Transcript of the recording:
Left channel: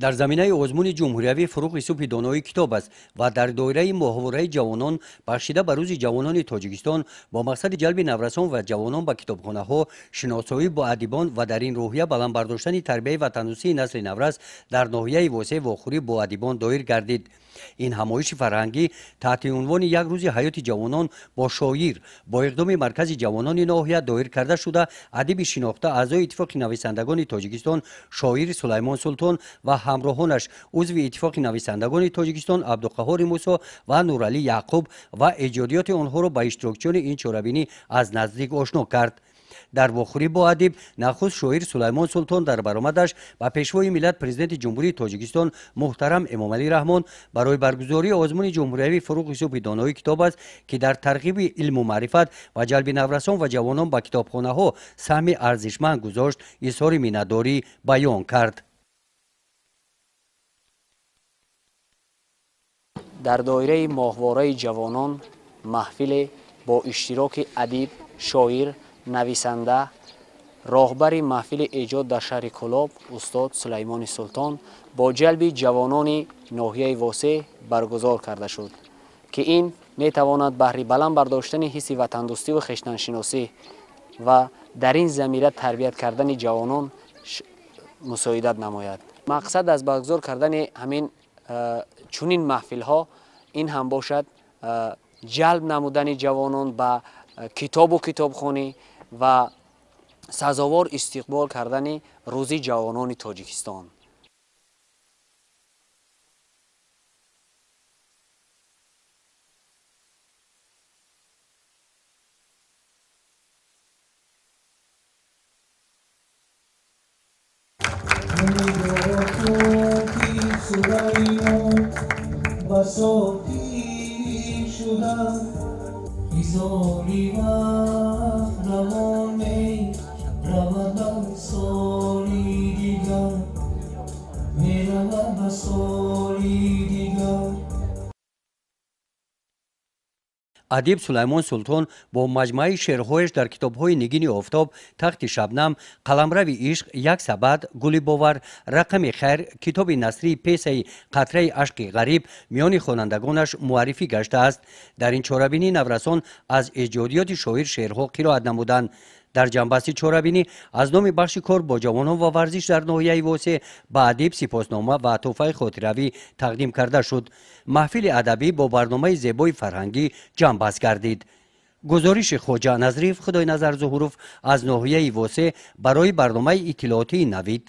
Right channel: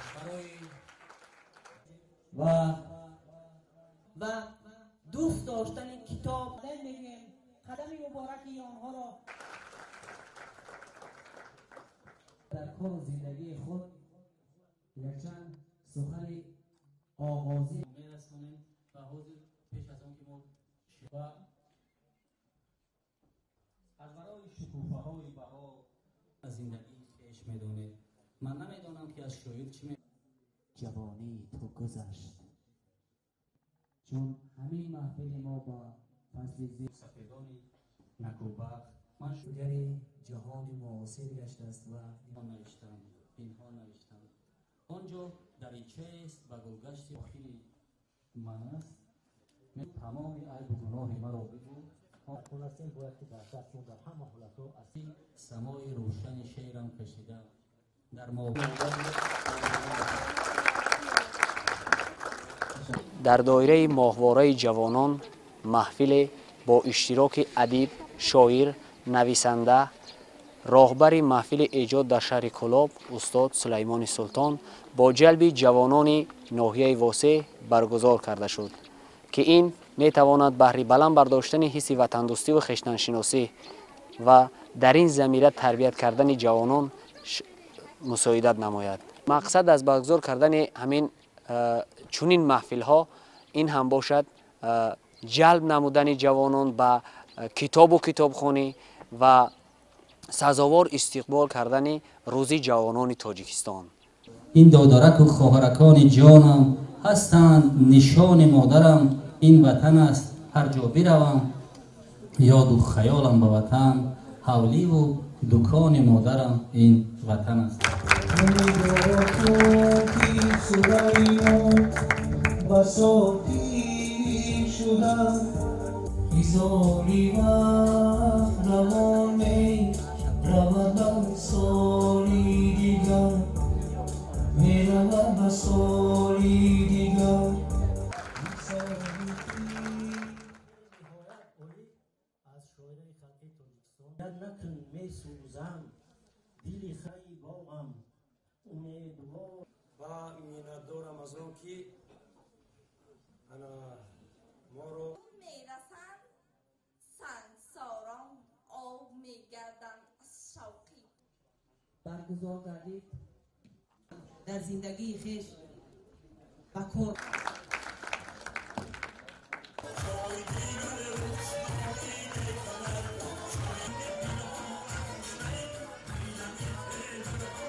در زمینه آزمون جمهوریوی فروغ یوسف دانایی کتاب است و در دایره محاوره جوانان بخشیده به روز جوانان تاجیکستان با مقصد جلب نورسان و جوانان به کتابخانه ها، شناسایی با ادیبان و در این روحیه بلند برداشتن تربیت و تنوسی نسل نورس در ناحیه واسع واخوری با ادیبان دایر گردید. این همایش فرهنگی تحت عنوان یک روز حیات جوانان با شاعر با اقدام مرکز جوانان ناحیه دایر کرده شده. ادیب شناخته اعضای اتفاق نویسندگان تاجیکستان شاعر سلیمان سلطان و همراهانش عضو اتفاق نویسندگان تاجیکستان عبدالقهار موسی و نورعلی یعقوب و ایجادیات آنها را به اشتراکچیان این چهاربینی از نزدیک آشنا کرد. در واخوری با ادیب نخست شاعر سلیمان سلطان در برآمدش به پیشوای ملت پرزیدنت جمهوری تاجیکستان محترم امام علی رحمان برای برگزاری آزمون جمهوریوی فروغ یوسف دانایی کتاب است که در ترغیب علم و معرفت و جلب نورسان و جوانان به کتابخانه ها سهم ارزشمند گذاشت، اظهار مینتداری بیان کرد. در دایره ماهواره جوانان محفل با اشتراک ادیب، شاعر، نویسنده، راهبر محفل ایجاد در شهر کلاب استاد سلیمان سلطان با جلب جوانان ناحیه واسع برگزار کرده شد که این می تواند بهر بلند برداشتن حس وطندوستی و خویشتن‌شناسی و در این زمینه تربیت کردن جوانان مساعدت نماید. مقصد از برگزار کردن همین چنین محفل ها این هم باشد جلب نمودن جوانان به کتاب و کتابخانه و سزاوار استقبال کردن روزی جوانان تاجیکستان. این دادرک و خواهرکان جانم هستند نشان مادرم، این وطن است هر جا بروم یاد و خیالم به وطن، حولی و دکان مادرم این وطن است. ادیب سلیمان سلطان با مجموعه شعرهایش در کتاب‌های نگین آفتاب، تخت شبنم، قلمرو عشق، یک سبد، گل باور، رقم خیر، کتاب نثری پیسه قطره عشق غریب میان خوانندگانش معرفی گشته است. در این چهاربینی نورسان از ایجادیات شاعر شعرها قرائت نمودند. در جنبسته چهاربینی از نام بخش کار با جوانان و ورزش در ناحیه واسع به ادیب سپاسنامه و تحفه خاطروی تقدیم کرده شد. محفل ادبی با برنامه زیبای فرهنگی جنبست گردید. گزارش خواجه نظریف خدای نظر ظهورов از ناحیه واسع برای برنامه اطلاعاتی نوید